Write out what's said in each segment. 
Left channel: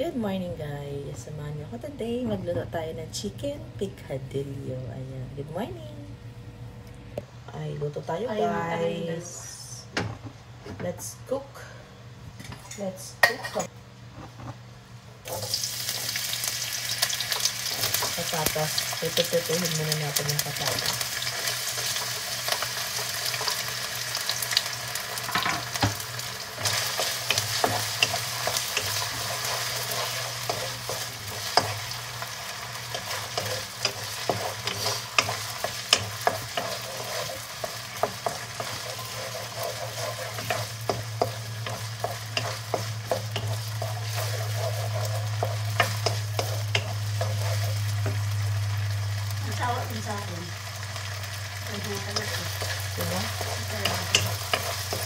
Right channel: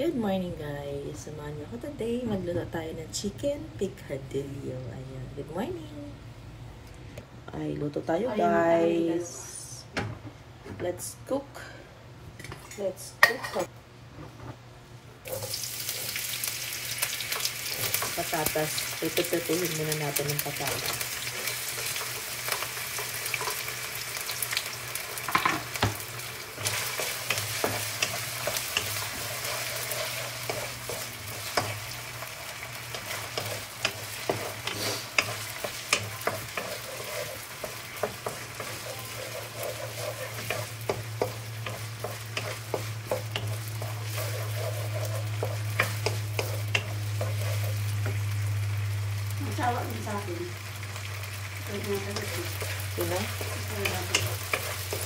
Good morning guys! Samahan niyo ako today. Magluto tayo ng chicken picadillo. Ayan. Good morning! Ay, luto tayo guys. Let's cook. Patatas. Pipituhin muna natin yung patatas.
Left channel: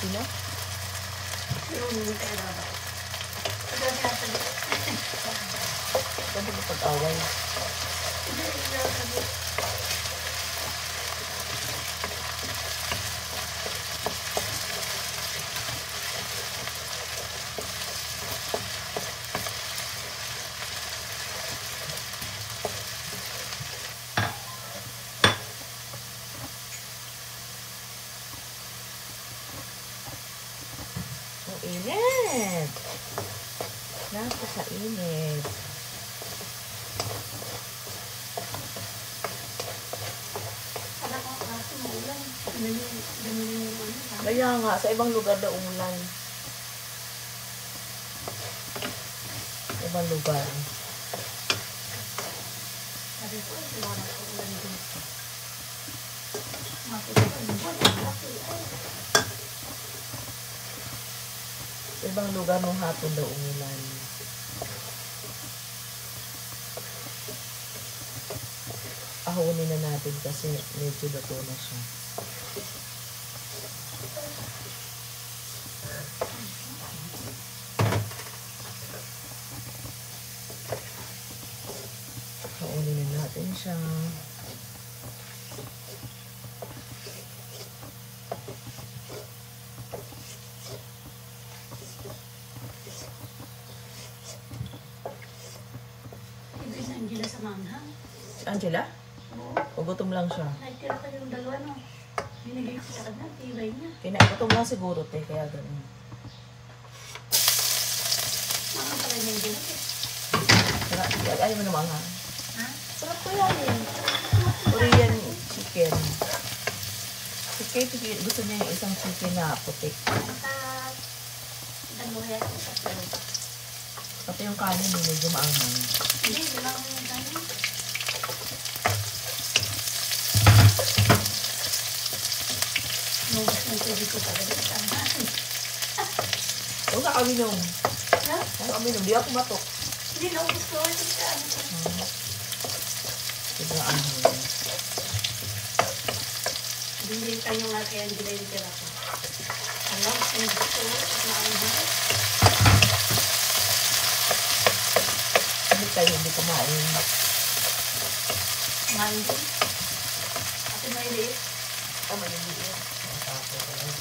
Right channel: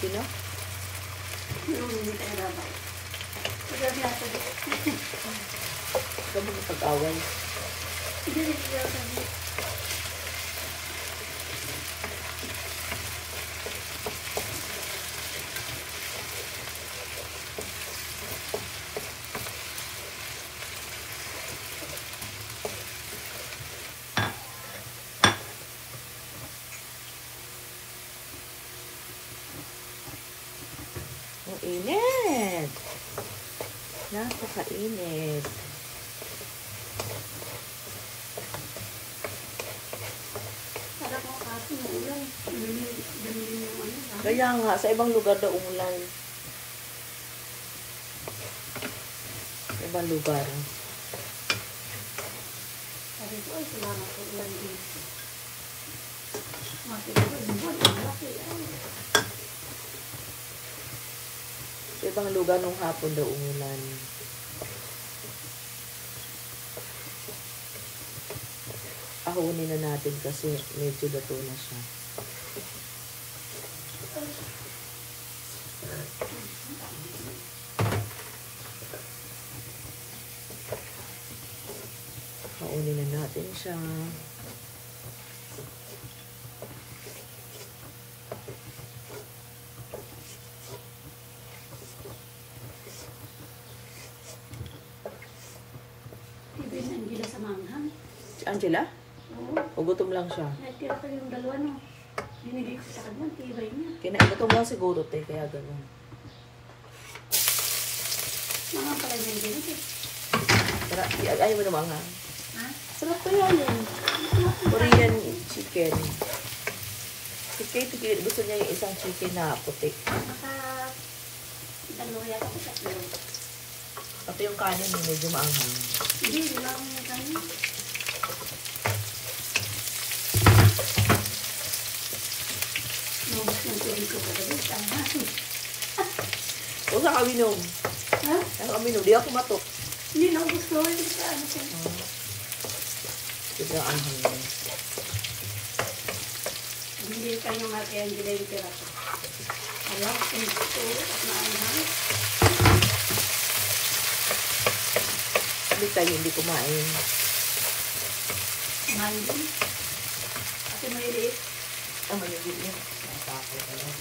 Sino? Ba't mo pag-away? Init! Napakainit. Kaya nga, sa ibang lugar daw umulan. Sa ibang lugar. Sa ibang lugar nung hapon daw umulan. Ahunin na natin kasi medyo dato na siya. Ahunin na natin siya. Si Angela? O gutom lang siya? Nagtira ko yung dalawa no. Binigay ko sa kanya, tibay niya. Kinagutom lang siguro tayo, kaya gano'n. Mga pa rin yung din. Ayaw mo naman ha? Ha? Sulat ko yan eh. Korean chicken. Si Kate, gusto niya yung isang chicken na puti. Baka dalawa ko sa loob. Pati yung kanin yung medyo maanghang. Hindi, wala ko yung kanin. Nubos ng tubig ko sa gabi. Huwag na kami nung. Ha? Kami nung, di ako matok. Hindi, nubos ko. Hindi ka. Diba anghang? Hindi kayo nga kaya hindi nilitira ko. Wala ko yung gusto. Hindi tayo hindi kumain. Mandi. Kasi may liit. Oh, hindi yun. Ang tapo ka lang.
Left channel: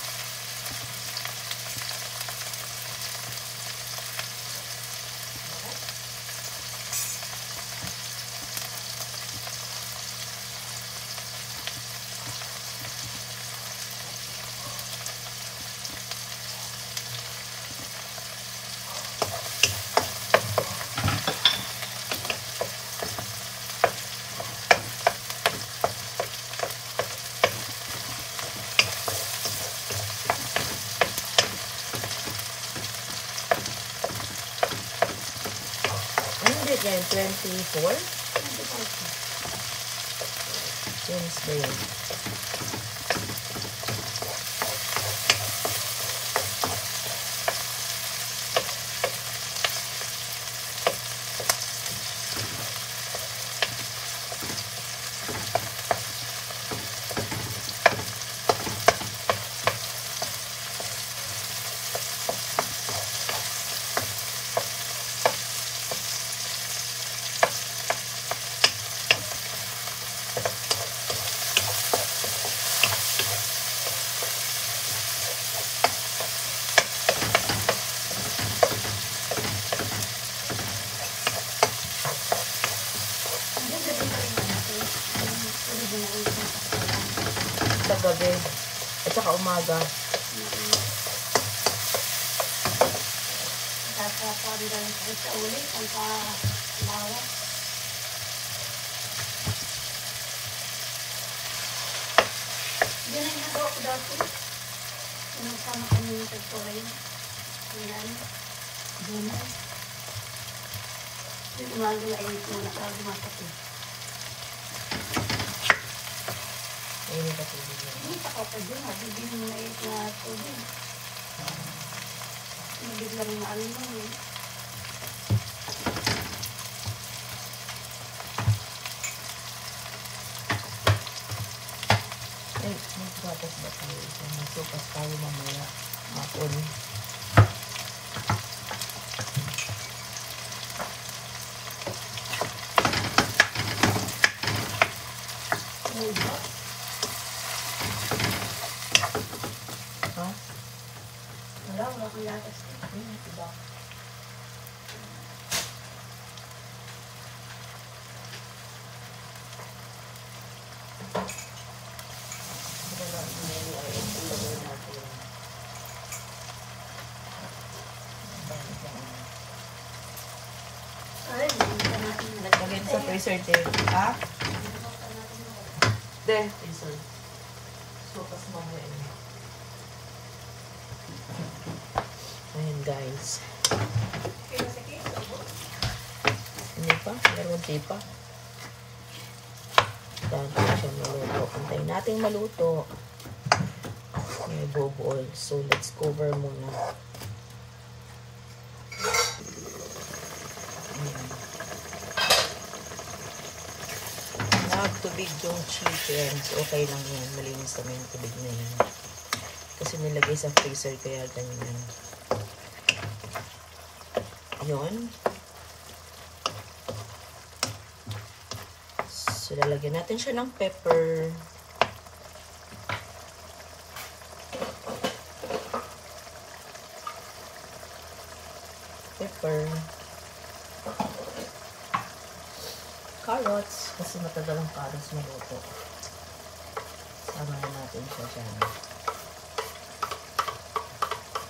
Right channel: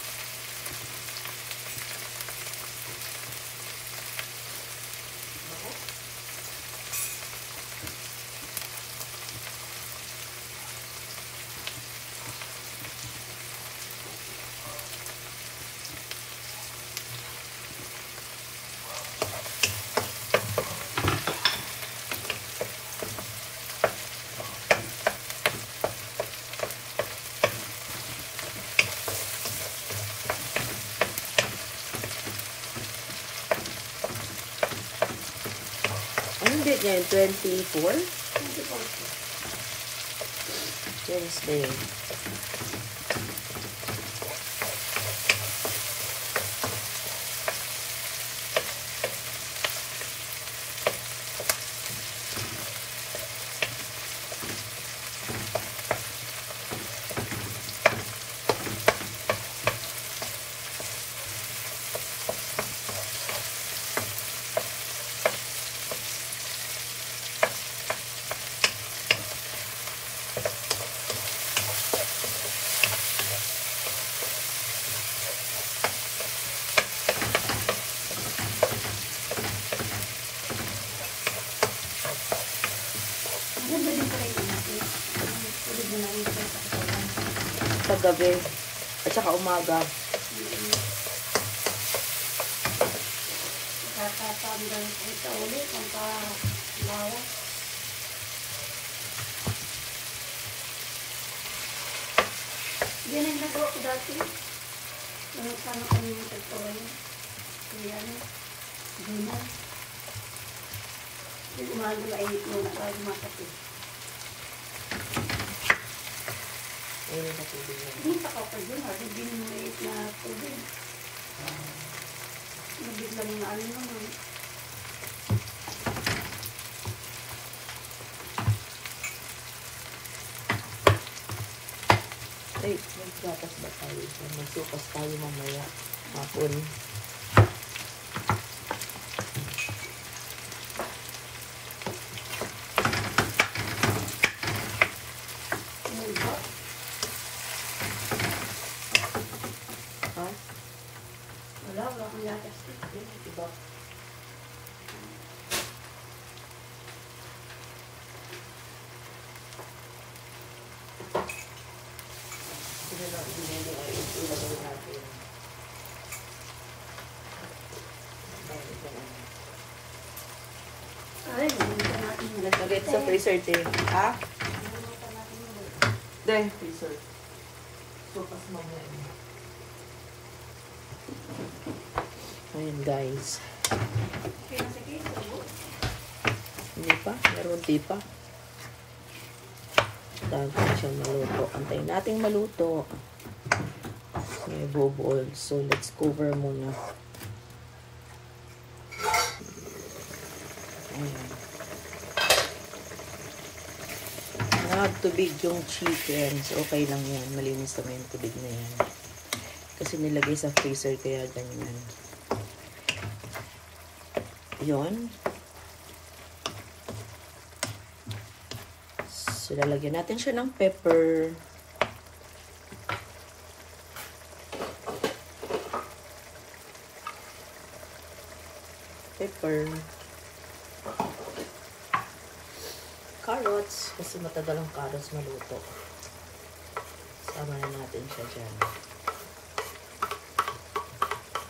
Hindi yan, 24? Wednesday. gabi at saka umaga. Kakapandan ito ulit ang palawa. Yan ang nagawa ko dati. Ang sama kami ng tag-oray. Ayan. Guna. Umaga na init mo na para makapit. Ayun yung katubig na. Hindi pa ako pag doon. Hindi mo na init na tubig. Hindi lang yung ano mo. Ay, magbatas ba tayo? Magsukas tayo mamaya. Makon. Wala akong lakas. Diba? Ay, hindi na natin Nagagay sa freezer din. Ha? Then, freezer. Sukas mamaya. Ayan guys. Hindi pa? Pero hindi pa. Antayin siya maluto. Antayin natin maluto. May bubol. So, let's cover muna. Harap tubig yung chicken. So, okay lang yan. Malinis naman yung tubig na yan. Kasi nilagay sa freezer kaya ganyan. Yun. So, lalagyan natin siya ng pepper. Carrots. Kasi matagal ang carrots maluto. Sama na natin siya dyan.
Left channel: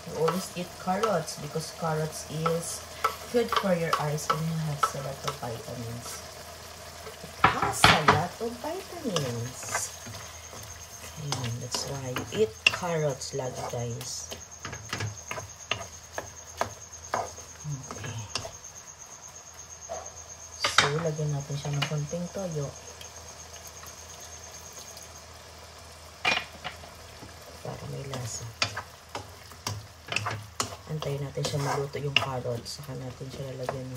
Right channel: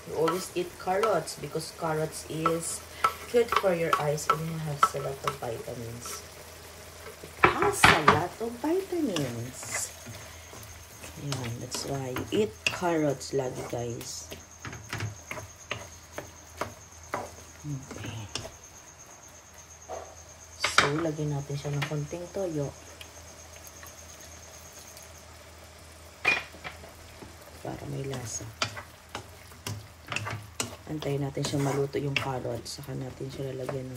You always eat carrots because carrots is good for your eyes and it has a lot of vitamins. It has a lot of vitamins. Ayan, that's why you eat carrots lagi, guys. Okay. So, lagyan natin siya ng konting toyo. Para may lasa. Antayin natin siya maluto yung carrots. Saka natin siya lalagyan.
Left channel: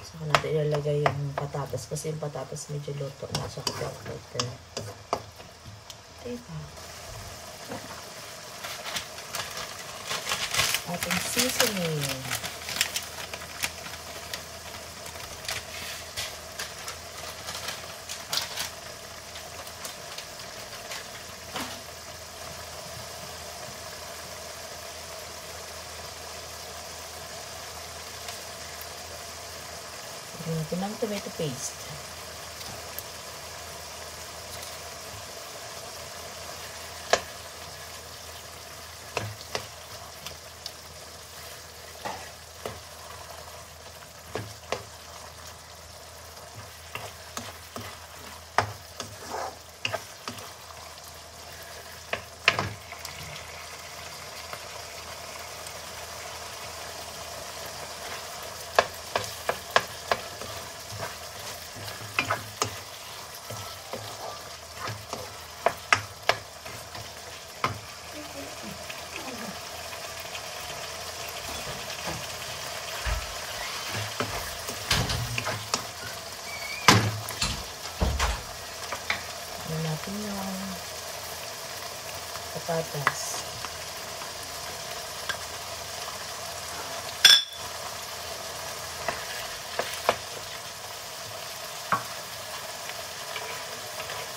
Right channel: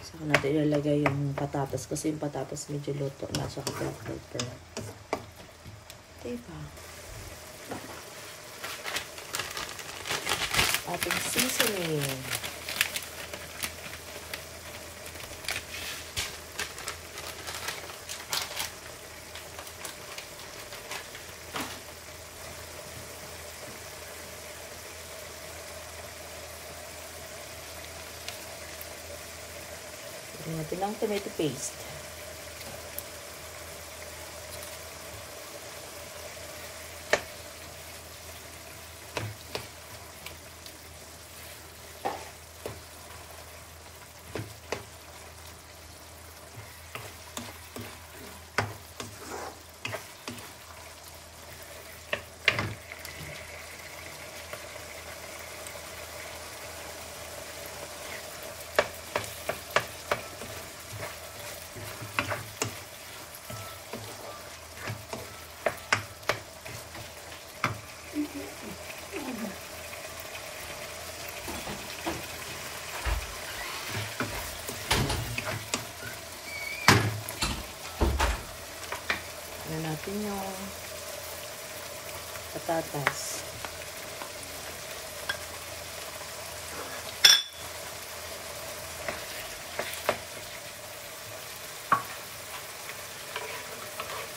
Saka natin ilalagay yung patatas. Kasi yung patatas medyo luto na. Saka pepper. Diba? Ating seasoning. Lagyan natin ng tomato paste. Lagyan natin yung patatas.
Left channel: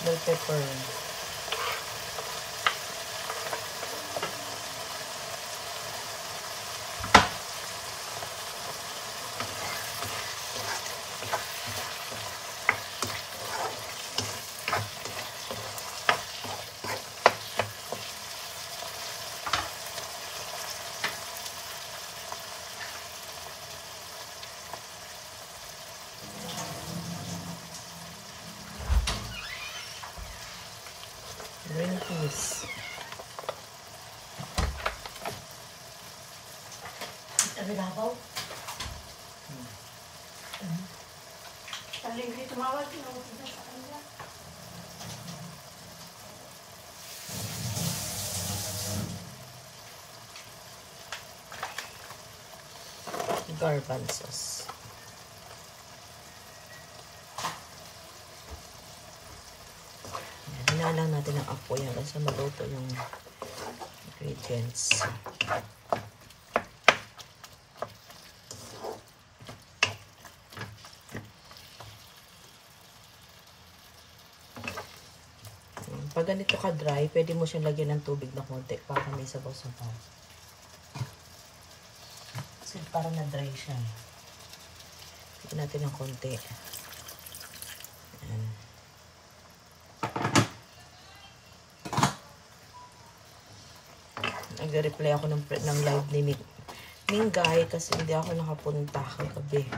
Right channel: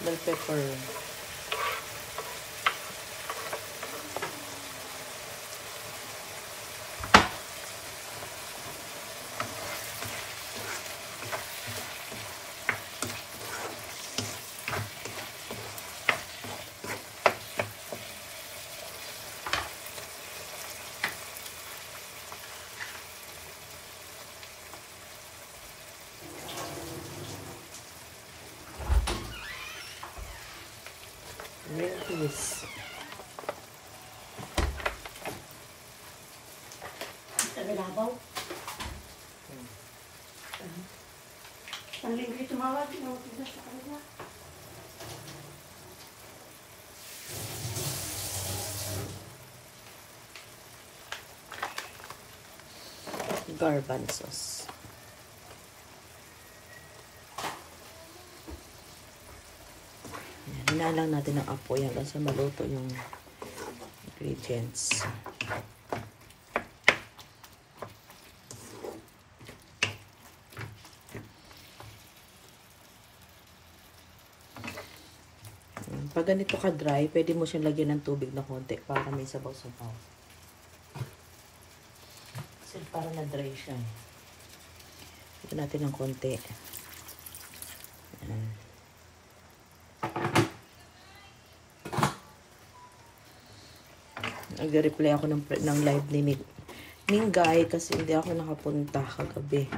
Bell pepper. Tagalabaw. Ang libre tumawag. Tinawag na sa kanila. Garbanzos. Hinalang natin ang apoy hanggang sa maluto yung ingredients. Pag ganito ka dry, pwede mo siyang lagyan ng tubig na konti para may sabaw-sabaw. Kasi para na-dry siya. Lagyan natin ng konti. Nag-reply ako ng live ni Guy kasi hindi ako nakapunta kagabi.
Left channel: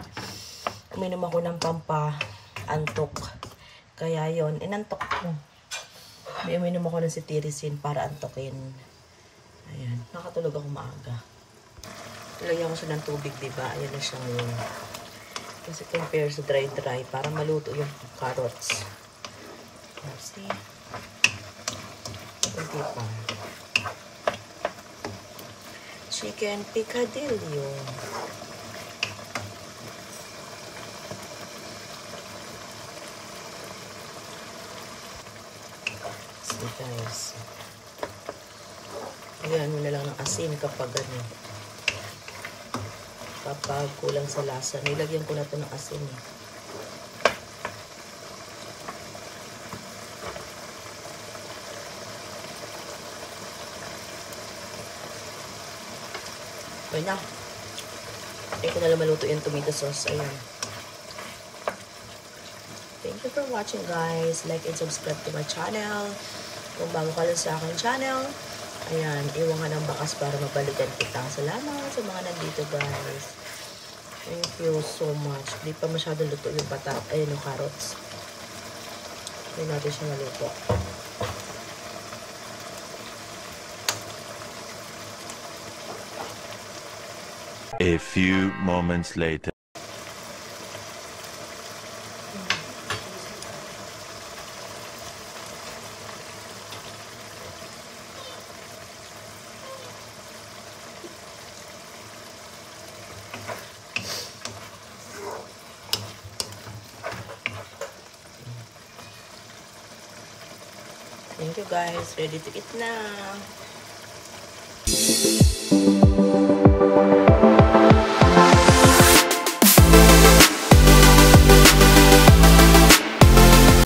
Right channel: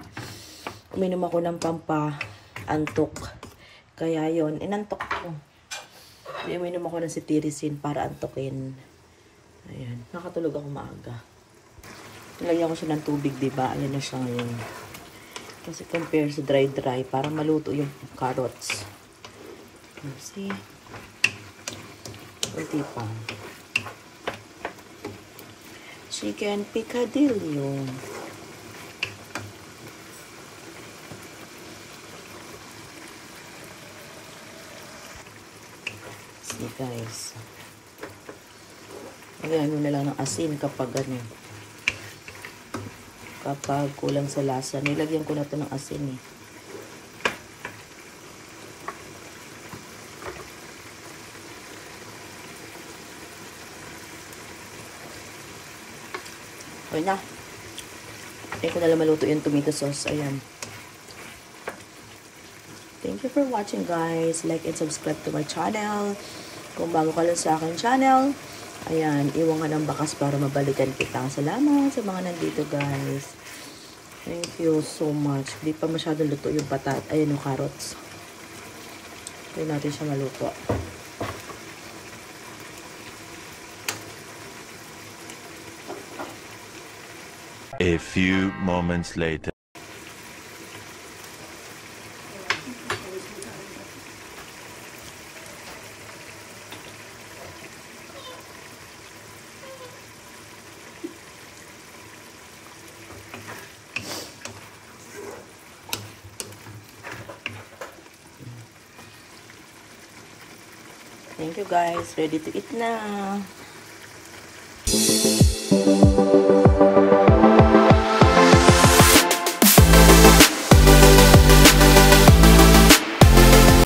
Uminom ako ng pampa-antok. Kaya yun, inantok ko. Kaya uminom ako ng cetirizine para antokin. Ayan, nakatulog ako maaga. Nilagyan ko siya ng tubig, diba? Ayan na siyang kasi compare sa dry-dry para maluto yung carrots. Kasi hindi pa. Chicken picadillo. See guys. Ayan mo na lang ng asin kapag ganyan. Kapag kulang sa lasa. Nilagyan ko na ito ng asin eh. Okay na. Hindi ko na lang maluto yung tomato sauce. Ayan. Thank you for watching guys. Like and subscribe to my channel. Kung bago ka lang sa akin channel, ayan, iwan ka ng bakas para mabalikan kita. Salamat sa mga nandito guys. Thank you so much. Di pa masyado luto yung ayun yung carrots. Hindi natin siya maluto. A few moments later. Thank you guys. Ready to eat na.